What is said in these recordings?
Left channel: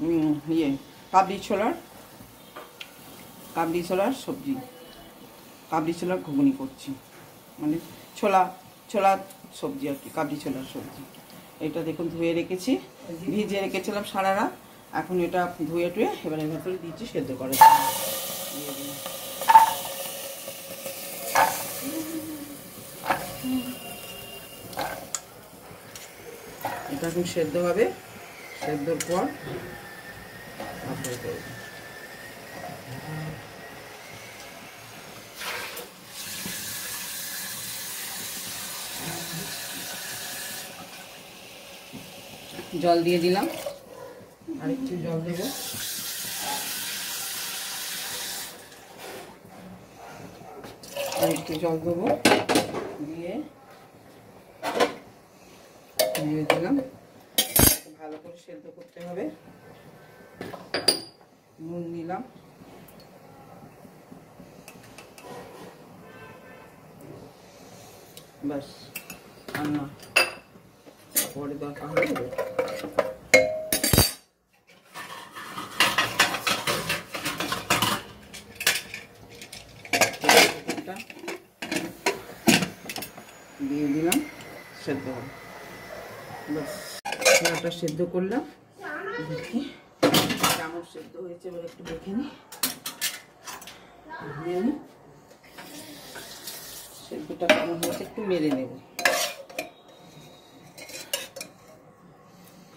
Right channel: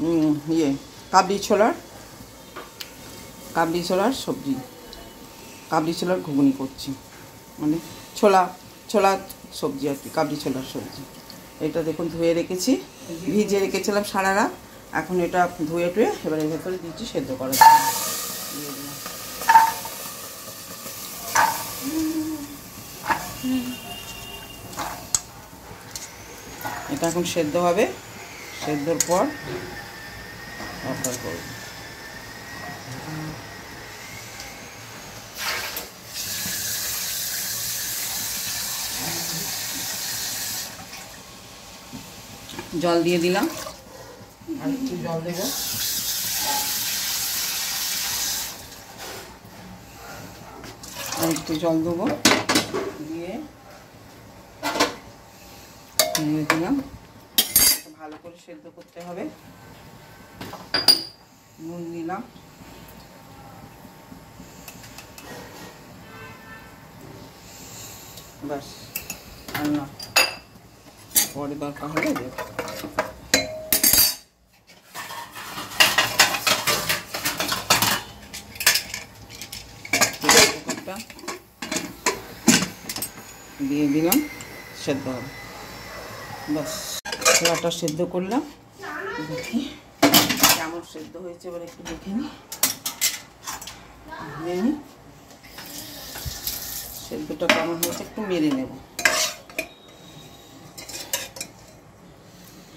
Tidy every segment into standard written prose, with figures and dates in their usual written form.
ইয়ে কাবলি ছোলার সবজি, কাবলি ছোলার ঘুগনি করছি, মানে ছোলা সবজি আর কি, কাবলি ছোলার সবজি। এটা দেখুন ধুয়ে রেখেছি, ভিজিয়ে রেখেছিলাম সারা রাত। এখন এটা ধুয়ে টুয়ে এবার এর ভেতরে দিচ্ছি সেদ্ধ করার জন্য। এটা এখন সেদ্ধ হবে, সেদ্ধর পর অফার করব। জল দিয়ে দিলাম, আর একটু জল দেব। আর একটু জল দেবো, দিয়ে দিলাম। ভালো করে সেদ্ধ করতে হবে। নুন দিলাম, ব্যাস, আর না পরে দরকার হবে। দিয়ে দিলাম, সেদ্ধ হবে, ব্যাস। ছোলাটা সেদ্ধ করলাম, দেখি কেমন সেদ্ধ হয়েছে, এবার একটু দেখে নিই। সেদ্ধটা কেমন হয়েছে একটু মেরে নেব।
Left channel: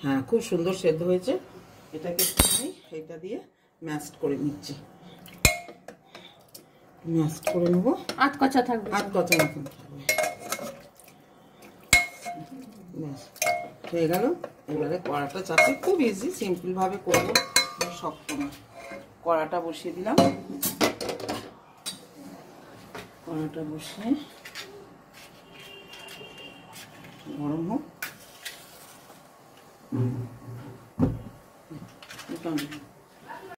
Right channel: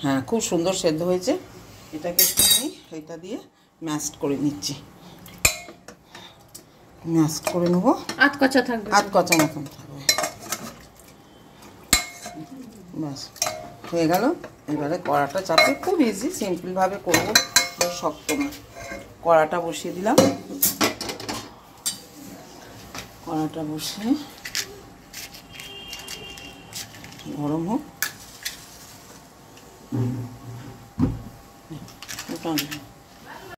হ্যাঁ, খুব সুন্দর সেদ্ধ হয়েছে। এটাকে একটু এটা দিয়ে ম্যাশড করে নিচ্ছি, ম্যাশড করে নেবো। আধ কচা থাকবে, আধ কচা মতন থাকবে, ব্যাস হয়ে গেল। এবারে কড়াটা চাপে, খুব ইজি, সিম্পলভাবে করবো, শক্ত না। কড়াটা বসিয়ে দিলাম, কড়াটা বসিয়ে গরম হোক।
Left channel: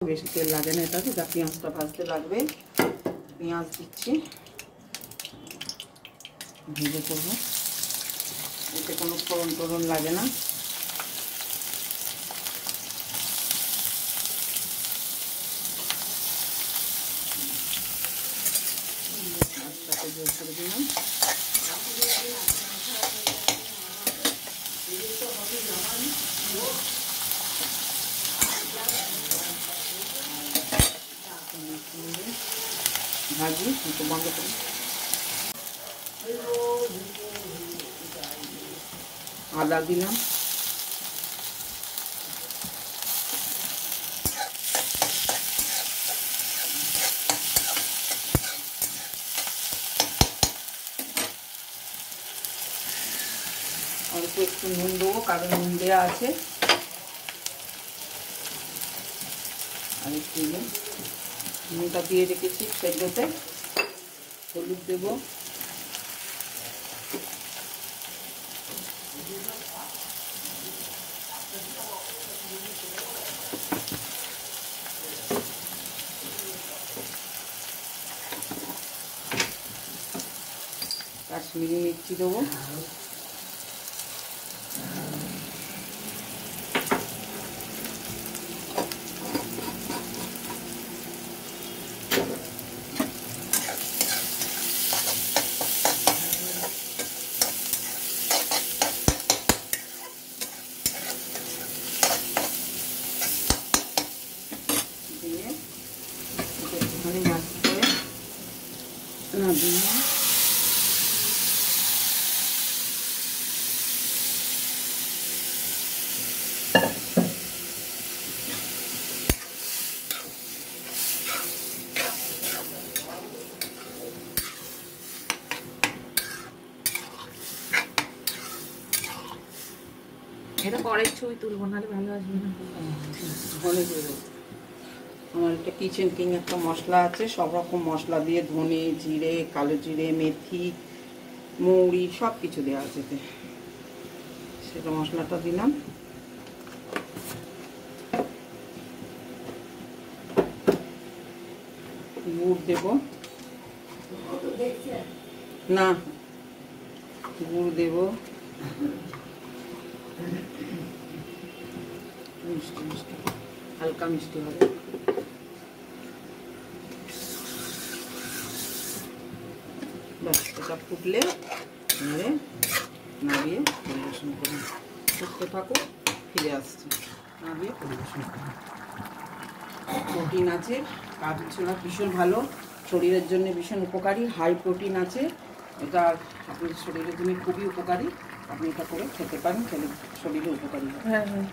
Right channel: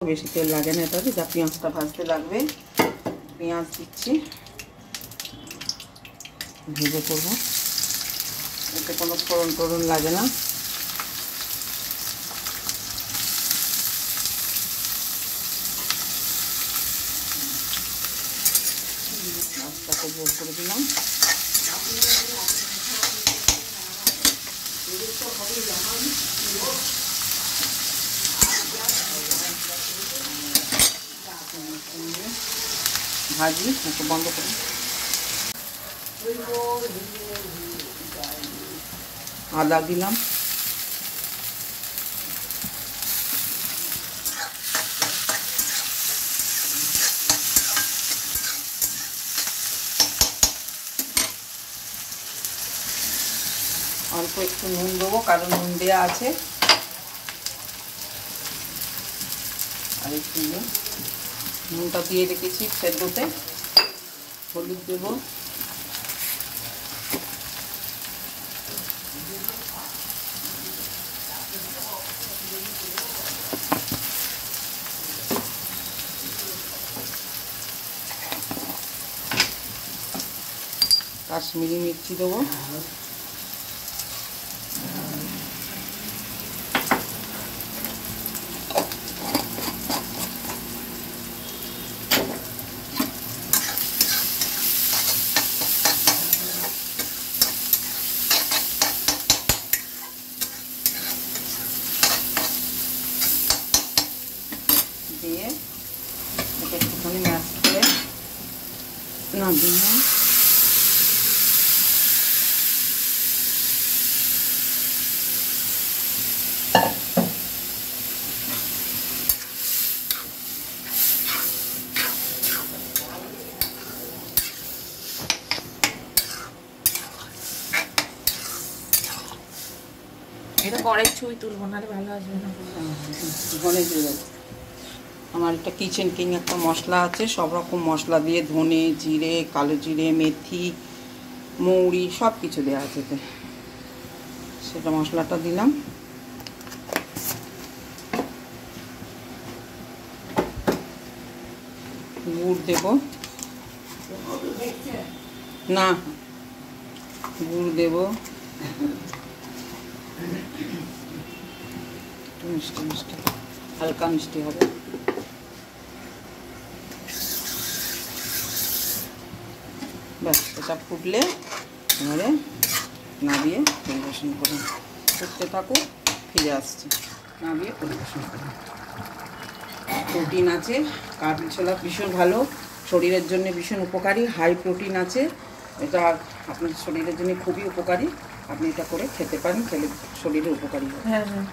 বেশি তেল লাগে না এটাতে, যা পেঁয়াজটা ভাজতে লাগবে। পেঁয়াজ দিচ্ছি, ভেজে করবো, এতে কোনো ফোড়ন টোড়ন লাগে না। মাছটাকে জোর করে দিলাম, ভাজি একটু বন্ধ করে আদা দিলাম, অল্প একটু নুন দেবো, কারণ নুন দেওয়া আছে। আর একটু নুনটা দিয়ে রেখেছি সেদ্ধতে। হলুদ দেবো, কাশ্মীরি মির্চি দেবো, দিয়ে একটুখানি ম্যাশ করে নামিয়ে এটা কড়াই ছবি তুলবো, নাহলে ভালো আসবে না। আমার একটা কিচেন কিং একটা মশলা আছে, সব রকম মশলা দিয়ে, ধনে জিরে, কালো জিরে, মেথি, মৌরি সব কিছু দেওয়া আছে এতে। সেটা মশলাটা দিলাম, গুড় দেব, না গুড় দেব, মিষ্টি মিষ্টি হালকা মিষ্টি হবে। ব্যাস, এটা ফুটলে এবারে নামিয়ে পরিবেশন করুন। ফুটতে থাকুক, ফিরে আসছে, নামিয়ে পরিবেশন করুন। প্রোটিন আছে, কাবলি ছোলা ভীষণ ভালো, শরীরের জন্য ভীষণ উপকারী, হাই প্রোটিন আছে, এটা আপনার শরীরের জন্য খুবই উপকারী। আপনি এটা করে খেতে পারেন, খেলে শরীরে উপকারী হবে। হ্যাঁ হ্যাঁ।